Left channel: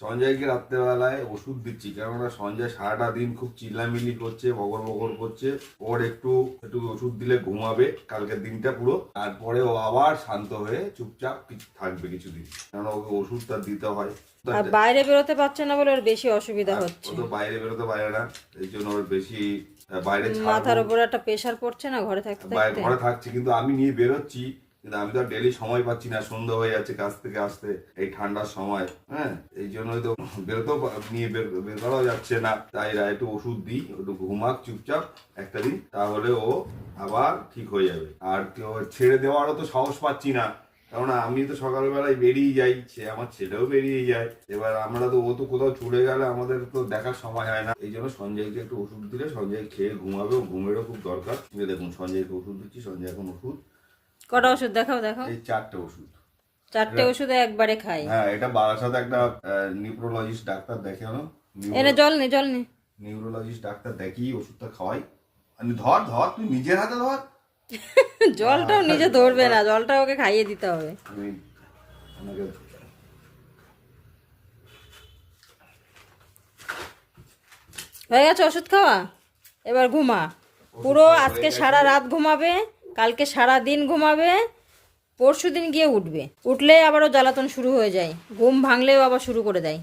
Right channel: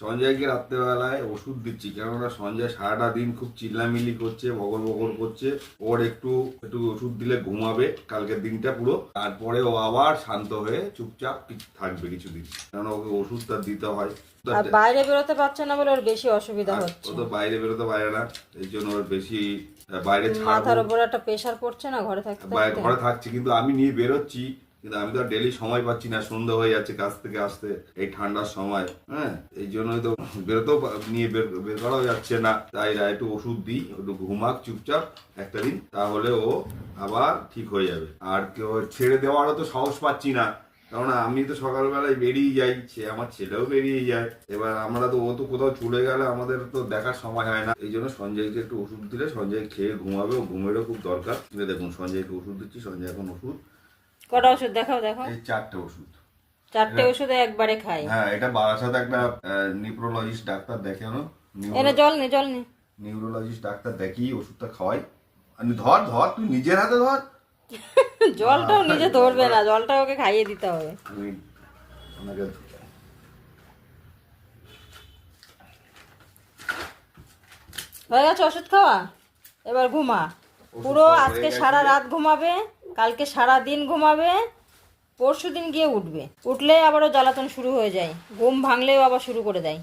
সঞ্জয়কে রাত্রেবেলায় ওষুধ দিচ্ছি কেননা সঞ্জয় সারাটা দিন খুব চিল্লামিলি করছে বগর বগর করছে ওর একটু একটু ওষুধ দিলে ঘুমাবে কালকের দিনটা পুরো। তারপরে ও আবার শান্ত হয়ে চুপচাপ থাকবে কিছুদিন কেননা ওকে ওষুধটা দিতে হয়। আর বাইরে বেরোতে পারছে না বলে ওর বেশি অসুবিধা হচ্ছে ও তো বাইরে বেরোতে পারে না এই জন্য ওর বেশি বাইরে মাথার উপর একটা প্রেশার পড়ছে না ঘরে থাকতে? ঘরে থাকছে কিন্তু আমি নিয়ে বেরোচ্ছি কিন্তু আমি তো ডেলি সময় পাচ্ছি না, সন্ধ্যা হয়ে যাচ্ছে কাজ থেকে আসতে, এই ঠান্ডার সময় হ্যাঁ? এই জন্যই তো বেরোতেও নিয়ে বের বের করাও যাচ্ছে না। তাই একটু ওষুধ দিই, একটু ঘুমাক চুপচাপ একটা দিন, তাহলে ও আবার ঠিক হয়ে যাবে। আর কেউ ছেড়ে দেওয়ারও তো সাহস পাচ্ছি না। কারণ আমি তো সকালবেলায় বেরিয়ে যাই, সে আমার ছেলেও বেরিয়ে যায়। এবার আমরা তো, ও তো কোথাও চলে গেলে আমাদের তো দেখার সময় হয় না। এই জন্য সঞ্জয়কে একটু ওষুধ দিলে সঞ্জয় খেয়ে ঘুমাবে, ও ঘুমেরও খুব দরকার। দেখুন, সঞ্জয়কে ওষুধ দিচ্ছি, সঞ্জয় এখন ওষুধ কটা ওষুধ? দেখাও দেখাও। এই চারটে ওষুধ। চারটে ওষুধে একবারে খাই হ্যাঁ এটা বারাসাতে একটা নিউরোলজিস্ট ডাক্তার দেখানো। এনে জল নে জল নে। নিউরোলজিস্ট ডাক্তার ওষুধটা খাওয়াই। আমি ধর ধর তুই নিজের হাতে ধর। জলটাও নিজে ধরবে না জলটা ওকে খাইয়ে দিতে হবে। আমি হয়ে গেছে ওষুধ খাওয়া? এবার ঘুমা। পুরো আজকে সারা রাত ঘুমাবে। কালকে সারা দিন ঘুমাবে পরশু দিন গিয়ে উঠবে। উঠলে আবারও জ্বালাতন শুরু হয়ে যায়। ঘুম ভাঙলেও আবার শুরু করে দেয়।